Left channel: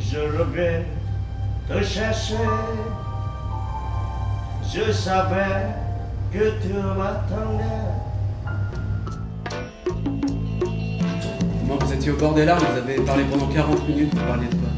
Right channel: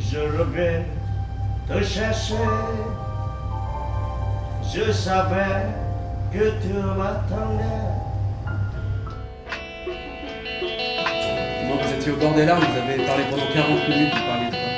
je reviens te chercher. Je savais que tu m'attendais. Moi, vous étiez au bord des larmes, vous avez parlé pendant 40 minutes, vous parliez de quoi?